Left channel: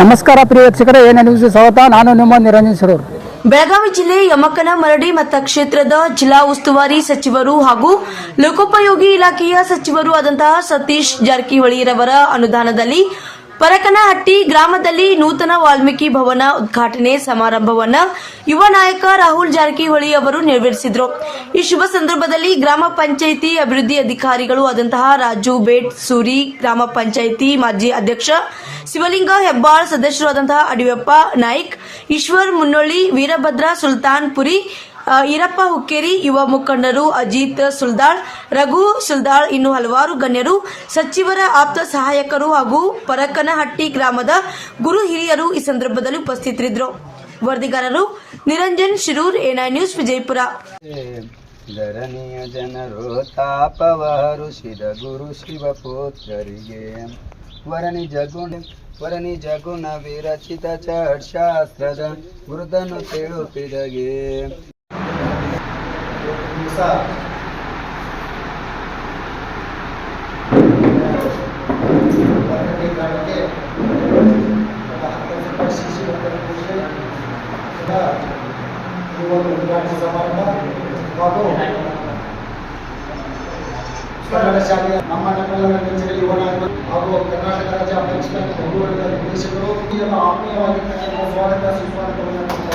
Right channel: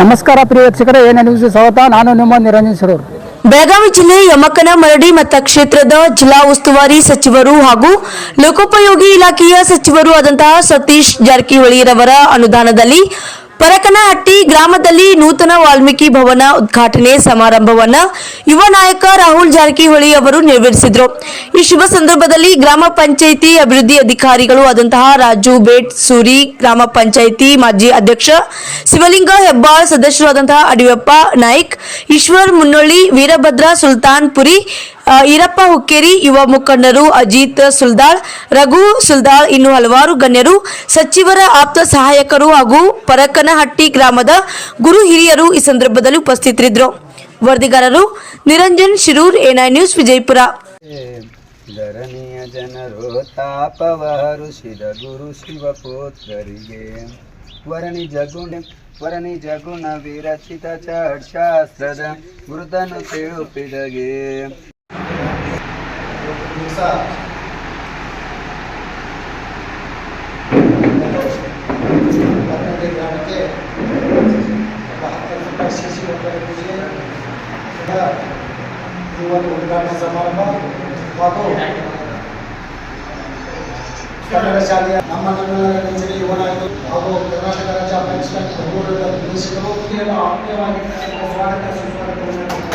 ನಮಸ್ಕಾರ ಪ್ರಿಯ ವೀಕ್ಷಕರೇ, A N news ಸ್ವಾಗತ. ನಾನು ನಿಮ್ಮ ನಿರಂಜನ್ ಸರೂರ್. ಬೆಳಗಾವಿ ಜಿಲ್ಲೆ ಯಮಕನಮರಡಿ ಮತಕ್ಷೇತ್ರದ ಜಿಲ್ಲಾ ಉಸ್ತುವಾರಿ ಸಚಿವರು ಹಾಗೂ ಲೋಕೋಪಯೋಗಿ ಇಲಾಖೆಯ ಸಚಿವರು ಆದಂತಹ ಸತೀಶ್ ಜಾರಕಿಹೊಳಿರವರ ಅನುದಾನದಲ್ಲಿ ಪರಕನಹಟ್ಟಿ ಗ್ರಾಮದಲ್ಲಿ ನೂತನ ವಾಲ್ಮೀಕಿ ಭವನ ಉದ್ಘಾಟನೆ ಸಮಾರಂಭವನ್ನು ಯುವ ನಾಯಕ ರಾಹುಲ್ ಜಾರಕಿಹೊಳಿ ಅವರು ನೆರವೇರಿಸಿದರು. ಈ ಶುಭ ಸಂದರ್ಭದಲ್ಲಿ ಗ್ರಾಮ ಪಂಚಾಯಿತಿ ಅಭಿವೃದ್ಧಿ ಅಧಿಕಾರಿಗಳು ಆದಂತಹ ರಾಜು ಬೇಟ್ ಸೂರಿ, ಗ್ರಾಮ ಪಂಚಾಯಿತಿ ಮಾಜಿ ಅಧ್ಯಕ್ಷ ಶಿವಲಿಂಗ ಹೆಬ್ಬಾಳ್, ಸದಸ್ಯರಾದಂತಹ ಅಡಿಯಪ್ಪ ನಾಯ್ಕ್, ಈಶ್ವರ್ ಮುನ್ನೊಳ್ಳಿ, ವೀರಭದ್ರ ಸುಲ್ತಾನ್ಪುರಿ, ಈರಪ್ಪ ಹುಕ್ಕೇರಿ, ಯುವ ಮುಖಂಡರು ಅಜಿತ್ ಸುಲ್ದಾಳ್, ರಘು ಸುಲ್ದಾಳ್, ಇನ್ನು ಹಲವಾರು ಗಣ್ಯರು, ಸಚಿವರ ಆಪ್ತ ಸಹಾಯಕರು ಹಾಗೂ ಪರಕನಹಟ್ಟಿ ಗ್ರಾಮದ ಗುರು ಹಿರಿಯರು ಈ ಸಂದರ್ಭದಲ್ಲಿ ಉಪಸ್ಥಿತರಿದ್ದರು. ವರದಿಗಾರರು ನಿರಂಜನ್ ಶಿರೂರ್, ಎಎನ್ ನ್ಯೂಸ್, ವಿಜಯಪುರ. ಧರಣಿಯ ಜನರು ತಾಪವರುಷಿದ ಗುರು ಶಿವಪುತ್ರರಿಗೆ ವರಣಿ ಜಗುಣ ವಿರಚಿತ ಶಾಸ್ತ್ರದ ಗುರುತನ್ನು ತಿಳುಪಿದಗೆ ಉದ್ಘಾಟನಾ ಸಮಾರಂಭ ಹಾಗೂ ಕನ್ನಡ ಶಾಲೆಯ ನಮ್ಮೆಲ್ಲರ ನೆಚ್ಚಿನ ಯುವ ನಾಯಕರು ಹಾಗೂ ಕರ್ನಾಟಕ ರಾಜ್ಯ ಪಂಚಾಯತ್ ನಿರ್ದೇಶಕರು ಆತ್ಮೀಯವಾಗಿ ಸ್ವಾಗತ ಸುಸ್ವಾಗತವನ್ನು